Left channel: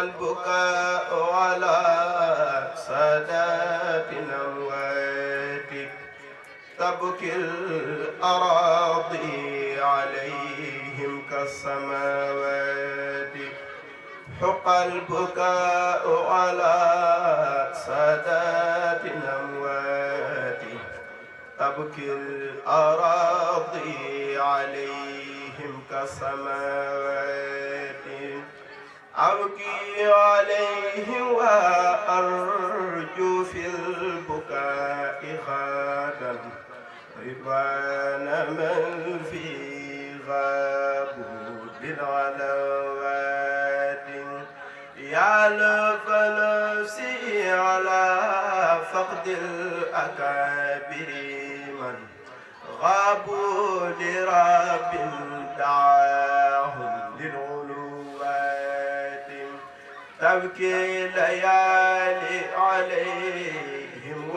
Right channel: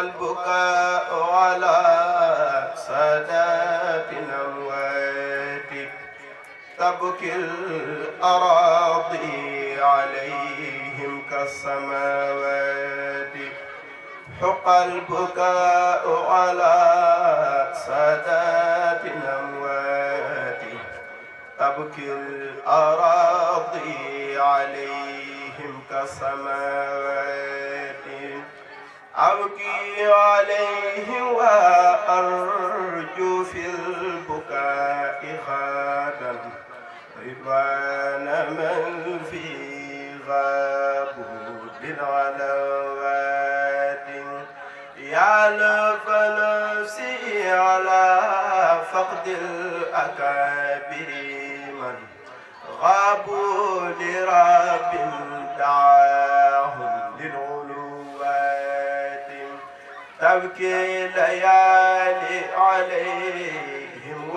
البكاء على سادات أمواتك تبكي الأراضي عليهم كالسماوات حق البكاء على سادات أموات تبكي الأراضي عليهم كالسماوات أبكي عليهم وأرجو في البكاء خادا رضوان من في غابوا بالغلوات يعلف نفسي على فقد الأكابر من غابوا لرب دعاهم للغلوات تبكي ليالي عليهم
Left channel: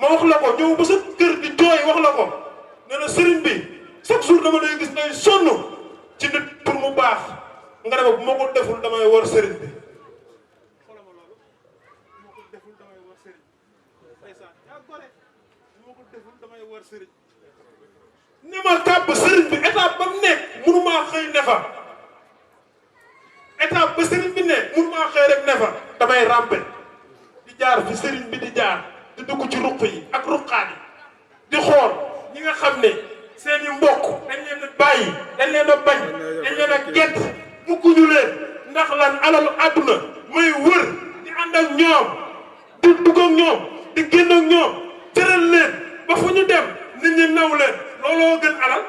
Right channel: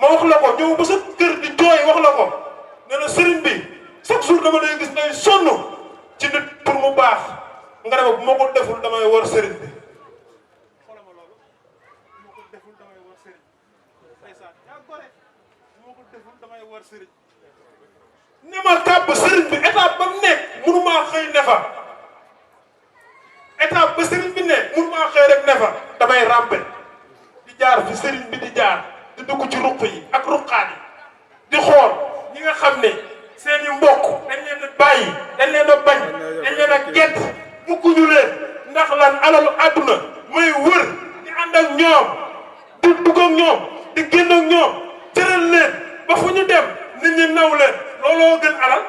ma wax la ko ñëw ba sa kër di jooy wax la ko nee na sëriñ bi chaque jour dama lay gis ngay sonn ci nit pour mu baax nga ne ma bu ma ko deful damay war sëriñ bi. xoolal ma loolu bu ma ko deful damay war sëriñ ndeysaan yaa gore bu ma ko deful damay war sëriñ ni ma kàbb sëriñ bi étape ba mu nekk mënumaa xëy ne fa étape ba sëriñ bi nekk mënumaa xëy rek ne fa damay rampe di jaar fi sëriñ bi di jaar di dugg ci ruq yi ak ruqaat yi di xool ñi nga xam ne seen i mbokk dañ leen a bàyyi dañ leen a bañ dañ leen a gett bugguñu leen ndax lan alalu àdduna may wër di ànd ak ñoom di dugg ak ñoom di génn ak ñoom tëral leen ba fu ñu dem nit ñi naw leen looloo gën alal.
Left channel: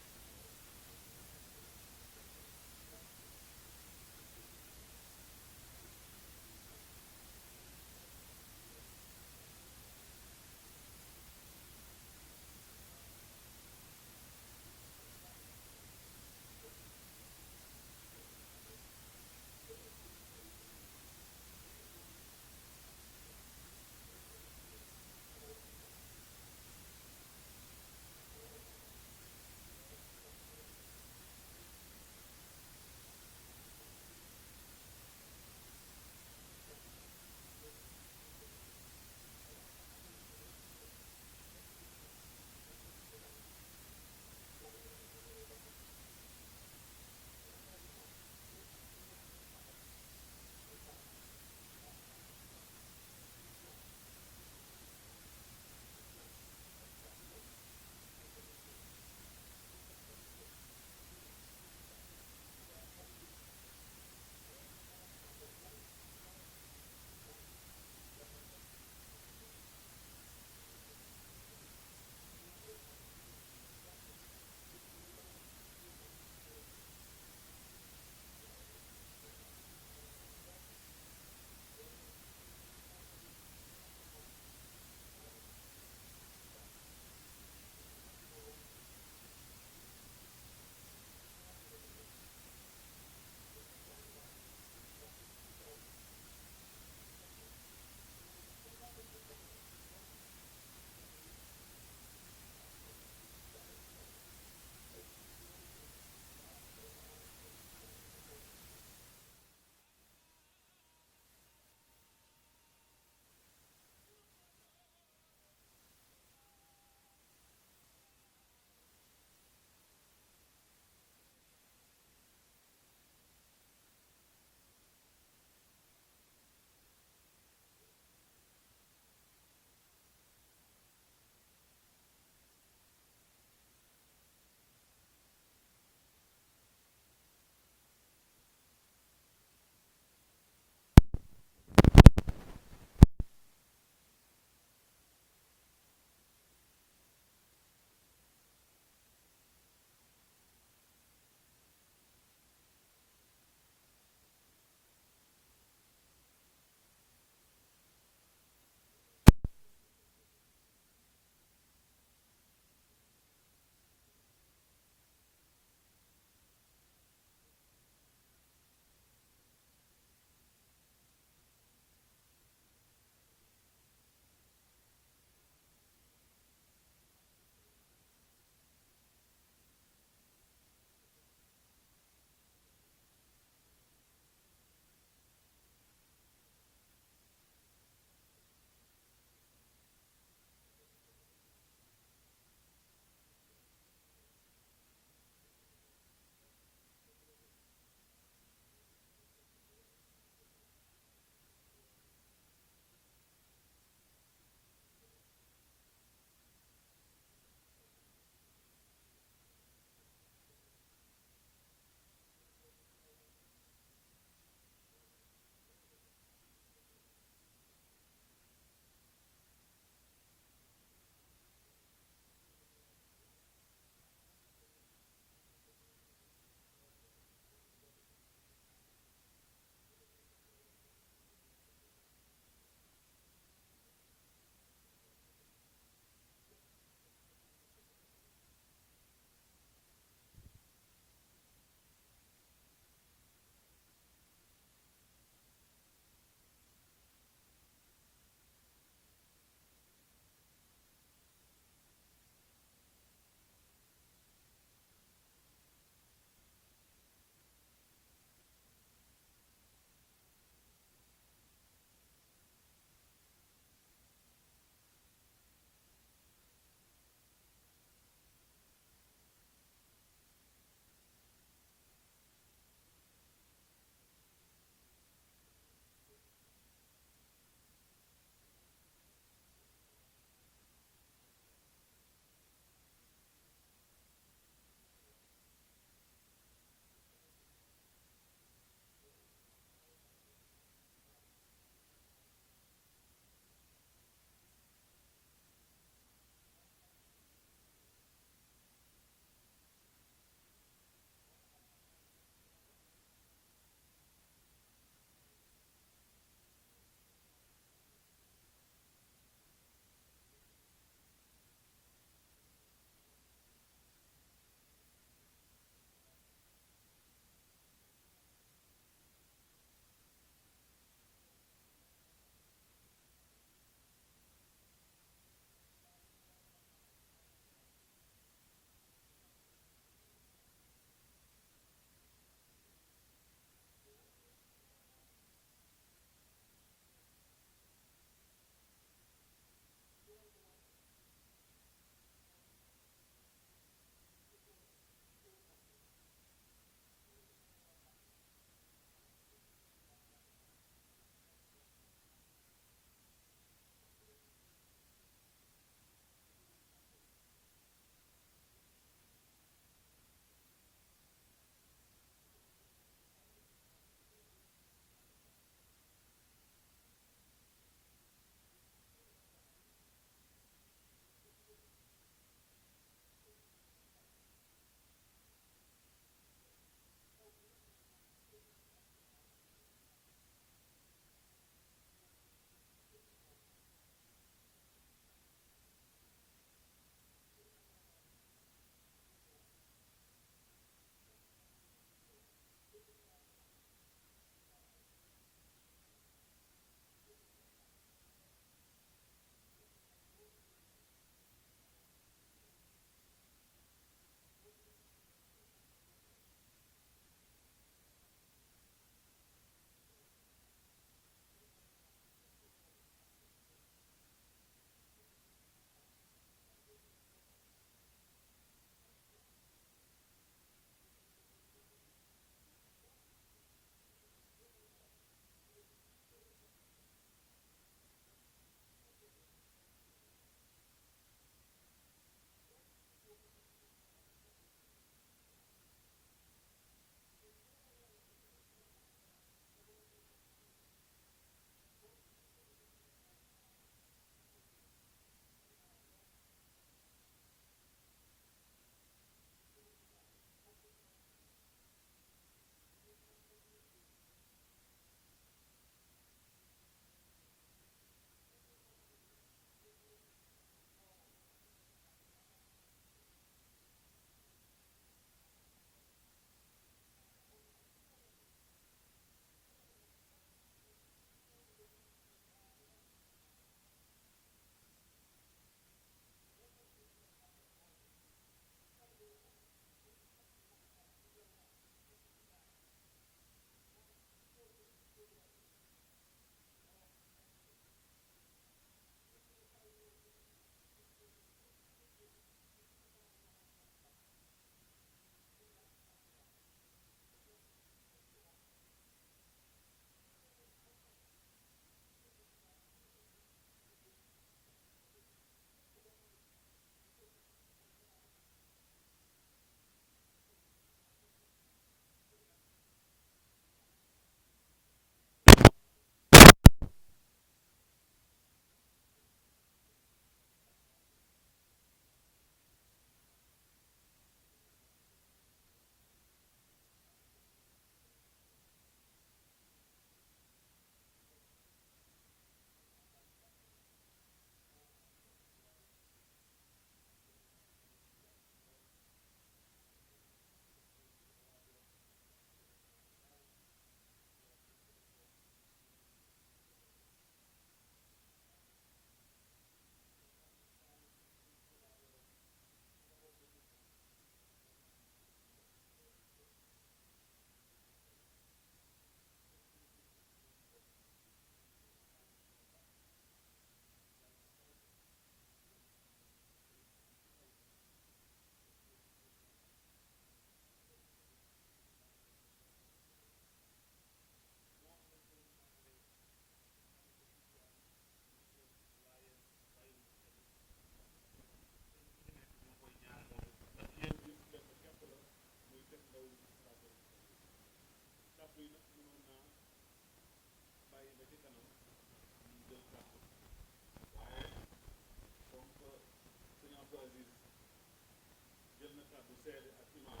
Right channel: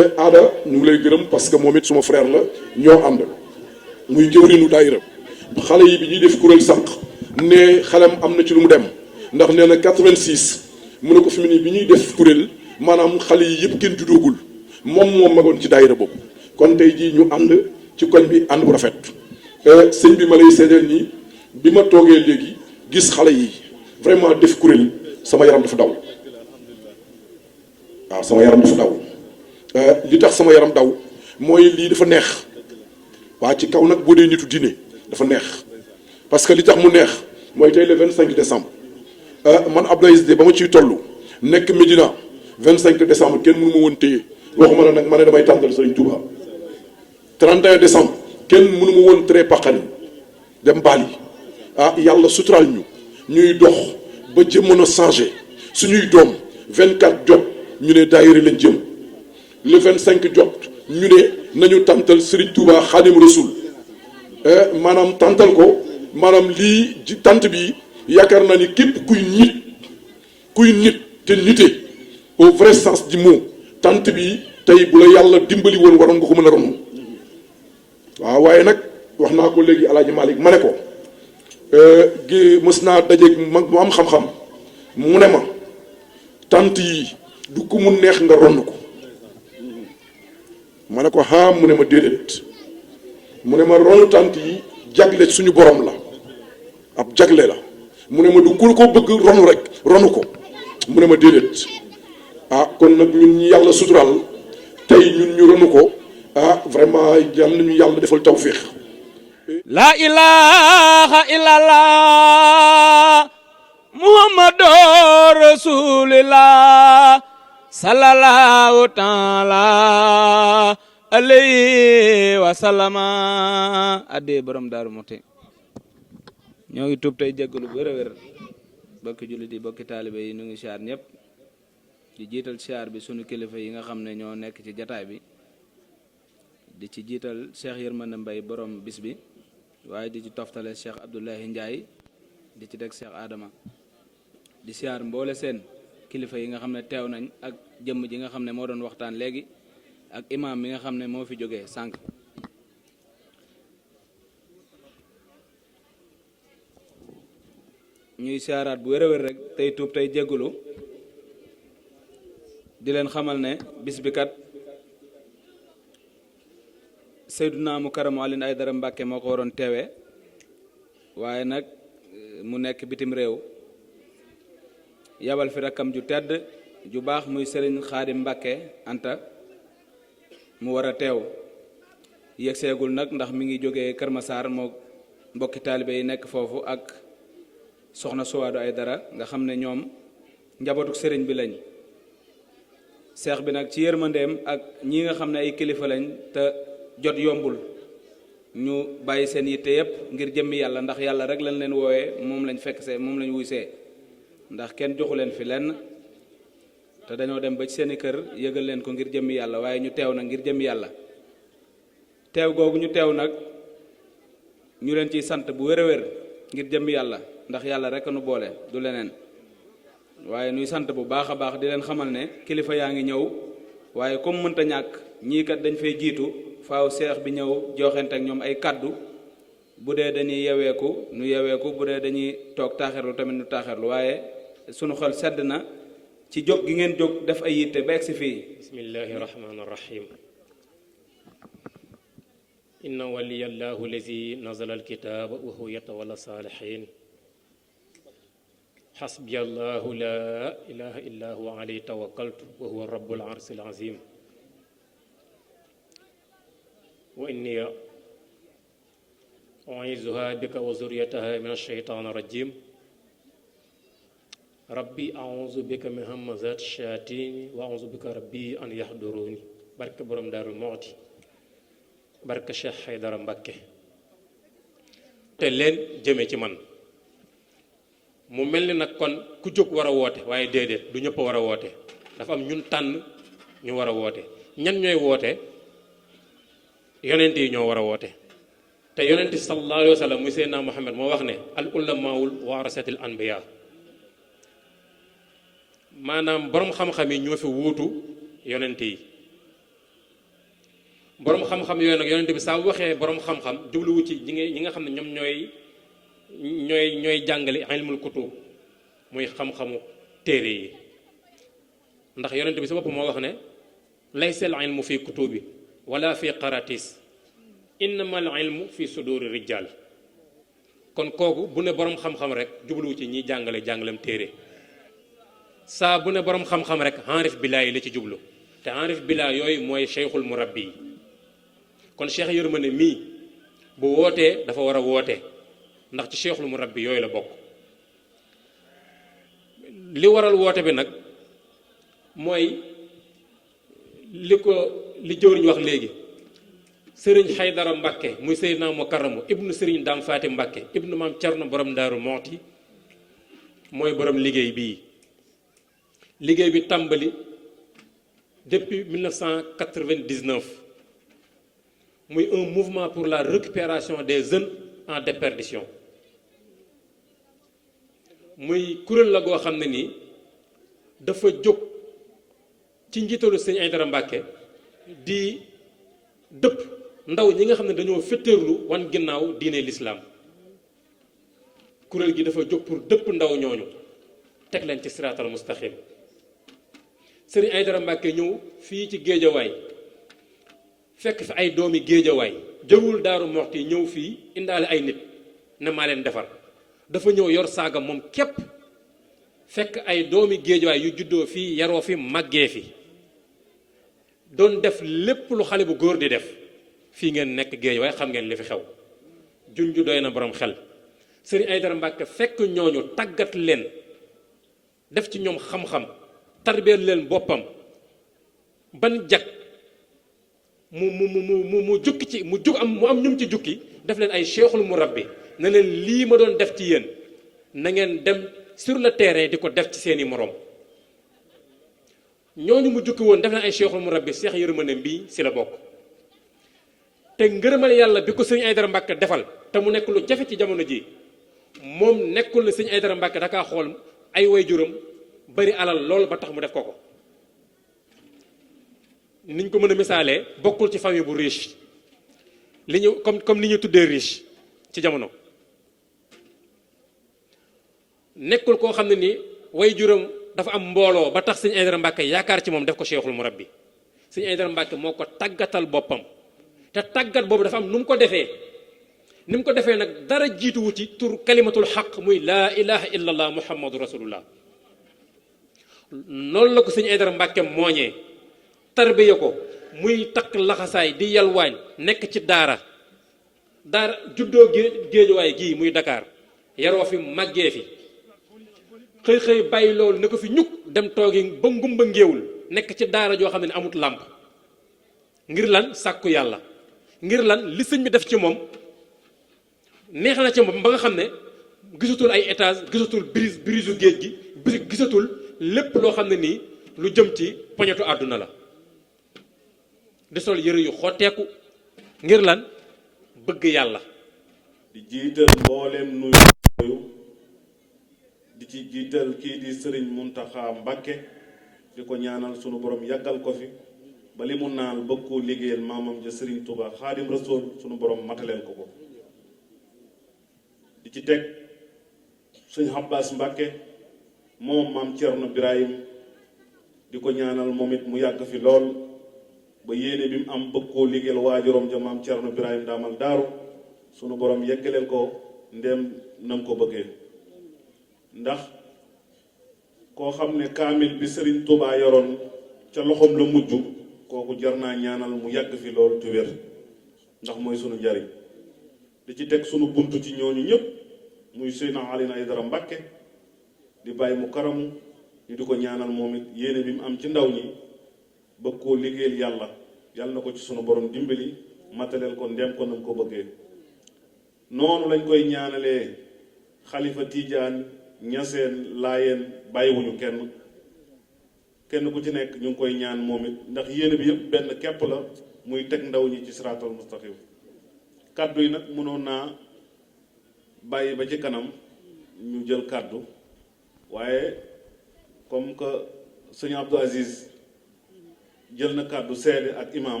seede ak imaam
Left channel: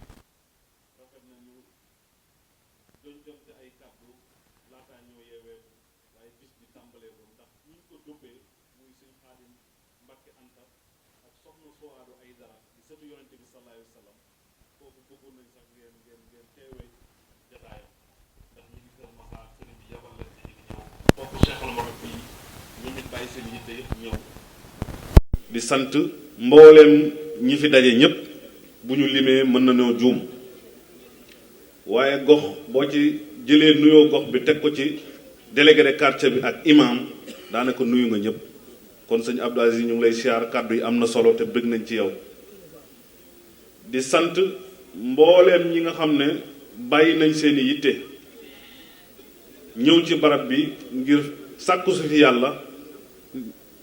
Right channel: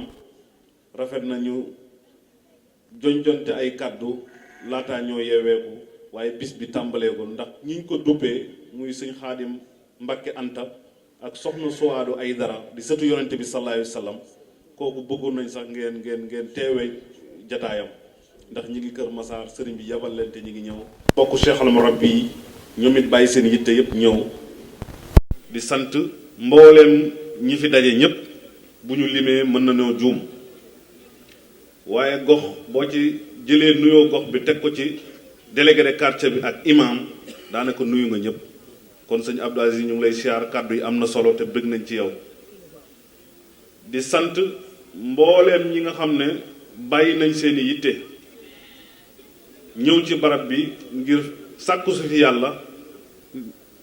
rafet nañu jonjonte ay kàddu laataa ñoo yeeweeku waaye bis bi tàmbalee ko ndax ñu ko dubbee muy sëñ Xaadim Mbàkke Anta ak soxna Suwaadu ay dara di sëtu yonente bi sallallahu alayhi wa sallam foofu bëggoon nañ sax ngeen teewee jataayam ndax ñi ngi kër Maxaar sëriñ bi yabal leen ci ñi ngi ñëw foofu Cheikh al Mourad bi ñu nit bàyyi seen yitte yëpp ñëw di sant mbooleem ñi fi daje ñëpp bu ñu limee mën na ñoo juum waaye gox boo ci jëlee nuyoo gox bi teg ko ci délégué de quartier bi ak imam daanaka nuyu nga ñëpp kon sëñ Abdou Aziz ñu ngi lay siyaar kàddu yi am na solo te bëgg nañ ci yow di sant mbooleem ñi nga xam ne bàyyi nañ seeni yitte ñëw ci barab bi ngir sàkku su fi yàlla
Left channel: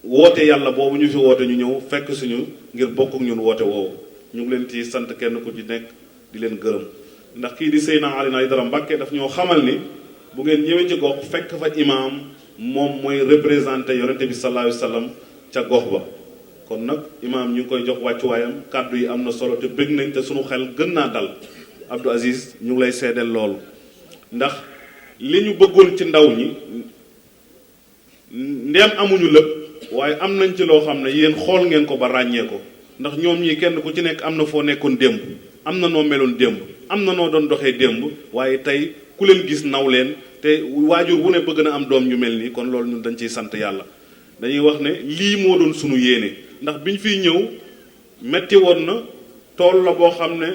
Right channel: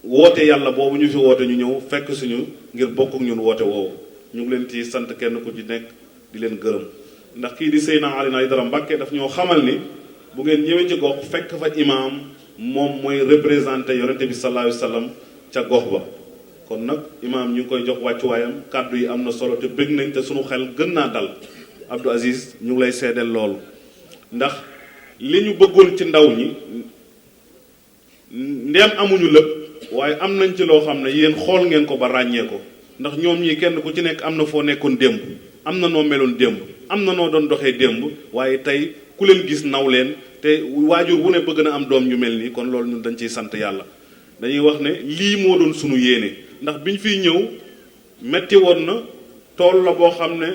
woote yàlla boobu ñu fi woote ñu ñëw fekk suñu ngir bokk ak ñun woote woowu ñu ngi leen ci sant kenn ku ci nekk di leen gërëm ndax kii di Seydina Alioune Aïdara Mbacke daf ñoo xamal ni bu ngeen ñëwee ci gox fekk fa imaam moom mooy représenté yonente bi sallallahu alayhi wa sallam ca gox ba kon nag imaam ñu ngi koy jox wàccuwaayam kàddu yi am na solo te bëgg nañ te suñu xel gën naa dal Abdou Aziz ñu ngi lay seedeel loolu ndax li ñu bëggoon ci ndaw ñi ndeem amuñu lépp waaye am nañ ci loo xam ne yéen xool ngeen ko ba ràññee ko ndax ñoom ñii kenn ku ci nekk am na foo nekkoon démb am na noo meloon démb am na noo doon doxee démb waaye tey ku leen gis naw leen te waajur wu ne bëgg na am doom ñu mel nii kon loolu ñun dañ ciy sant yàlla dañuy wax ne lii moo doon sunu yéene ndax biñ fiy ñëw metti woon na tool la boo xam ne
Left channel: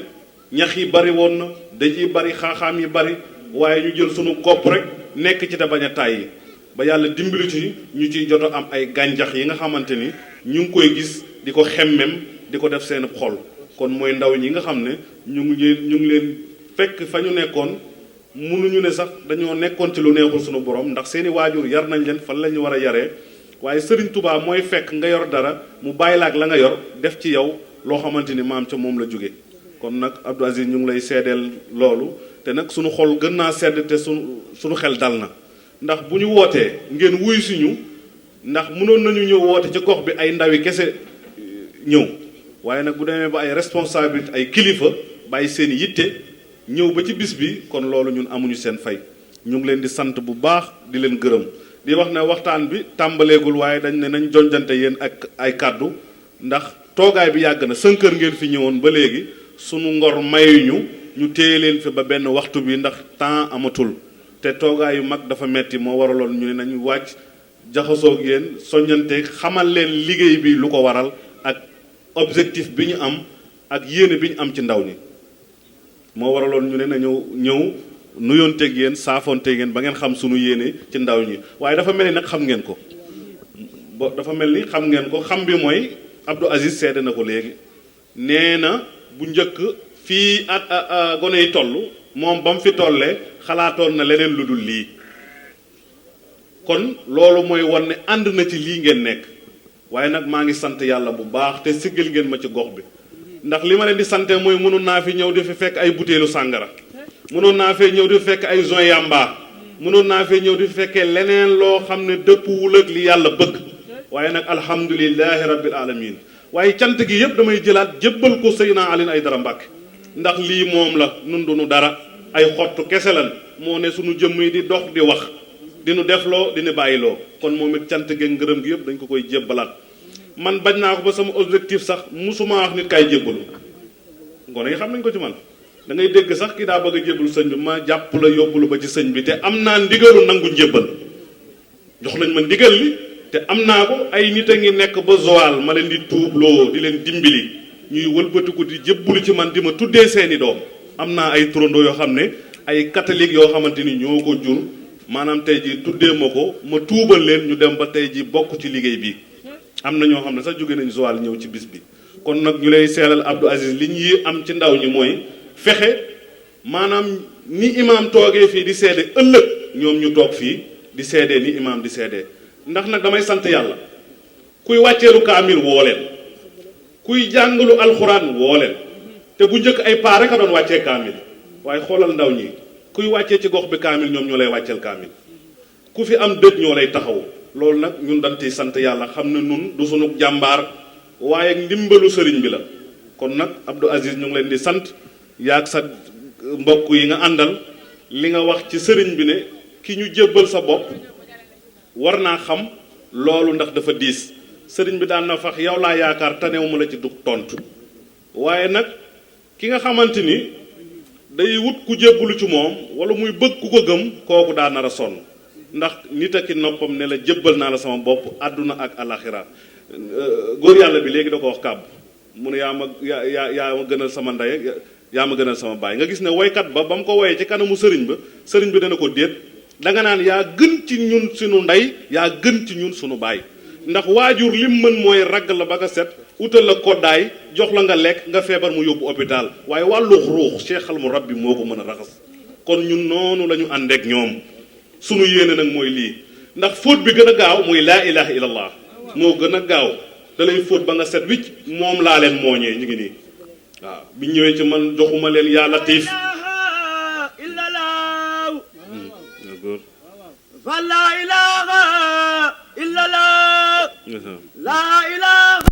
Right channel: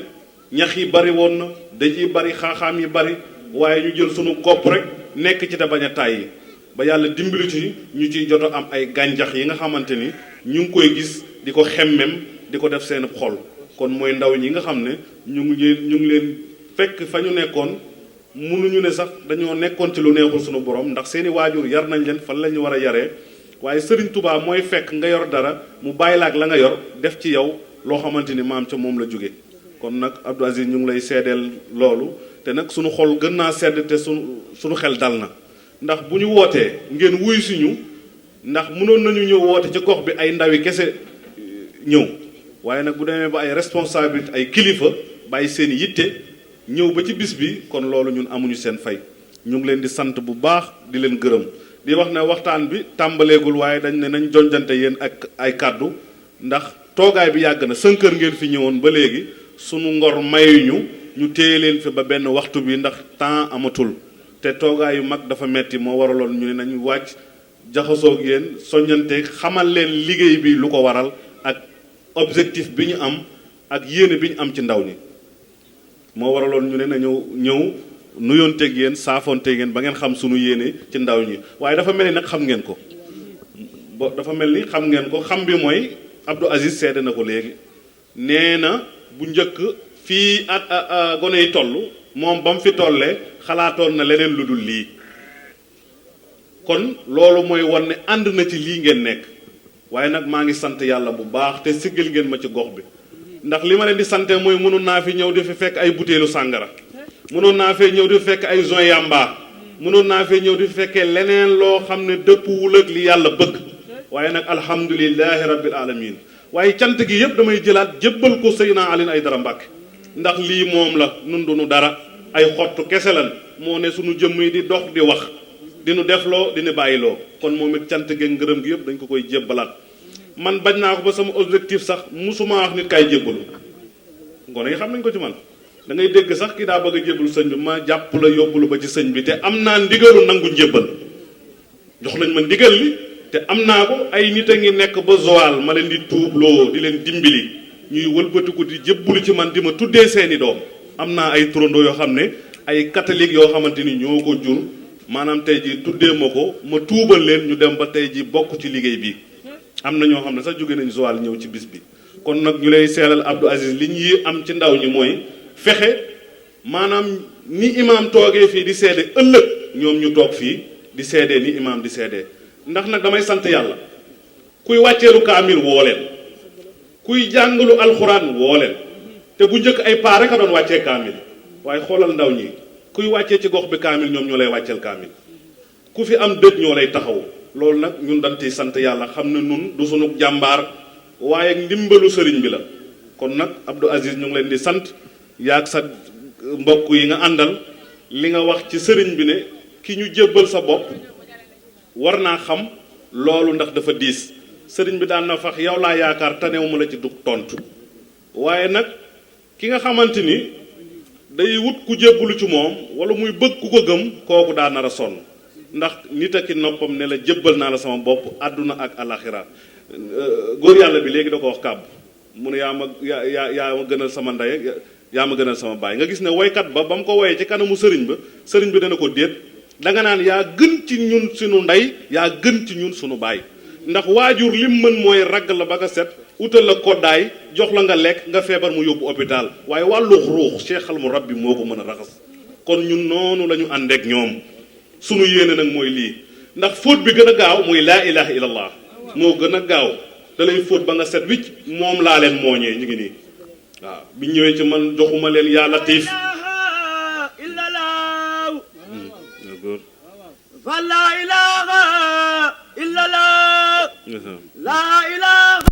ñax yi bari woon na daj yi bari xaaxaam yi bari waaye ñu jël sunu kopp rek nekk ci te bañ a tàyyi ba yàlla dimbali ci ñu ciy jot a am ay gàncax yi nga xamante ni ñu ngi koy gis di ko xemmem di ko def seen xol kon mooy ndaw ñi nga xam ne ñu ngi leen fekk fa ñu nekkoon mënuñu ne sax dañoo nekkoon ci lu neexul sunu borom ndax seeni waajur yar nañ leen fan la ñu war a yaree waaye Serigne Touba mooy fekk nga yor dara mu bàyyi la ak la nga yor def ci yow loo xamante ni maam ca moom la jóge kon nag Abdou Aziz ñu ngi lay seedeel loolu te nag sunu xol gën naa sedd te sunu xel dal na ndax bu ñu wootee ngeen wuy suñu ndax mënoon nañu ñëw woote ci gox bi ay ndawi kese ñëw waaye nag bu demee ba ay responsabilité ay kilifa bàyyi seen yitte ñëw ba ci bis bi kon loolu ñun amuñu seen fay ñu ngi leen di sant bu baax di leen gërëm di wax ne waxtaan bi tàmbaleegul waaye dañ ne nañ jonjante yéen ak ay kàddu ndax toogaay bi yàgg na 5 heures ngeen fi ñëwoon ba léegi sunu ngor mayuñu ñu téye leen fi ba benn waxtu bi ndax temps amatul te toogaay yu mag dafa metti moo waraloon ñu ne nañu wàcc jaxasoog yéen soññante xamal leen liggéey bi lu ko waral ak objectif bi ñu am ak yéene bi ñu am ci ndaw ñi moo waraloon ñu ne nañu ñëw nuyoonteeg yéen saafoonteeg yéen ba ngeen xam sunu yéene ci ndaw ñi waaye dafa mel ni nag xam ngeen ko dafa mel ni xam ngeen ko xam bi mooy Abdou Aziz seede na ko léegi nee na bu njëkk fii at gone yi toll moom ba mu fi tollee xalaatoon na leneen lu dul lii kon loolu mooy wan ne ànd na ci lii ngeen nekk waaye nag maa ngi sant yàlla bu baax te siggal ngeen ma ci gox bi ndax li ma leen di sante mooy mënoon naa fi ñëw di fi fekk ay butéelu sàngara mënoon naa fee ñëw di fi fekk ay joint yamba mënoon naa fee ñëw di fi fekkee leneen loo xam ne dëppwul ak li yàlla bëgg waaye nag alhamdulilahi rabbil alamin waaye cant gi yëpp damay jëlaat jébbal ko Seydina Alioune Aïdara Mbacke ndax lii moom la nun duñu dara ay xottu kese lan moo ne suñu jëmm yi di dox di wax dinu defloo dinu bàyyiloo kon moom it cant gi ngërëm gi yëpp dañ ko koy jébbalaat man bañ naa ko ba sama objectif sax musuma wax nit kaay jébbalu ngone yi xam nañ ko ci man da ngay dégg sax ki daa bëgg a jébbalu sëñ bi ma jàpp la yóbbulu ba ci sëñ bi te am naa ndigalu nangu njébbal jox nañ ma ndigal li te am naa ko ay nit a ngi nekk ba Joal ma leen di tuubloo di leen dimbali ñuy wëlbatiku di jébbalu ci man di ma tuddee seeni doom am naa ay turandoo yoo xam ne ay catholique yoo xamante ni ñoo ko jur maanaam tey ji tuddee ma ko ma tuubal leen ñu dem ba tey ji bokk ci liggéey bi am na ñoo xam ne sax jóge nañ Joal ñëw ci bis bi kon nag ñu lay seelal Abdou Aziz li ñuy am ci ndaw ñi mooy fexe maanaam ni imaam toogee fii di seede ëllëg ñoom ñu toog fii di seedee ni imaam di seedee ndax nag damay sant yàlla kuy wàcceelu kaamil woo leen kuy jàngalu alxuraan woo leen te bu njëkk ay paa rek a doon wàccee kaamil waaye xoolal ndaw ñi kuy wàccee ci gox bi kaamil ñoom ñoo lay wàcceel kaamil ku fi am dëj ñoo lay taxaw loolu nag ñun dañ ciy sant yàlla xam ne nun du sunu jàmbaar waaye ndimbalu sëriñ bi la kon nag Abdou Aziz ñu ngi leen di sant yaag sa mbokk yi nga àndal li nga wax ci sëriñ bi ne ki ñu jébbal sa bopp war naa xam loolu ndax dafa diis sëriñ bi daan na fax yow laa yaakaar tanewu ma la ci dug tontu waaye nag ki nga xamante ni day wut ku jébbalu ci moom wala muy bëgg ku ko gëm kooku daa nar a sonn ndax nit ak i noppam ne la jébbal naa la sama bopp àdduna ak alaxira góor yàlla bi léegi da ko wax kàbb mu ne yaa ma gënal sama ndey yaa ma gënal sama baay nga gis ne woykat ba mu ko woyee ci kanamu sëriñ bi dana ko déet danga naan yaa gën ci ñun sunu ndey yaa gën ci ñun sunu baay ndax waajur lim mën mooy ragg la ba nga set utal la koddaay jox la nga lekk nga feebar mu yóbbu hôpital waaye wàllu ruux Cheikh al Murabbi moo ko mën a raxas kon ñun noonu la ñu àndeek ñoom sunu yéene nag mooy lii ndax fóot bi gën a gaaw muy laa ilaha illallah moo gën a gaaw da lay fóot ba nga set wicc moom laa leen mooñee ñu ngi nii waaw bi ñëwee ci man joxuma leen yaa latif fa la ilaha illallah la ilaha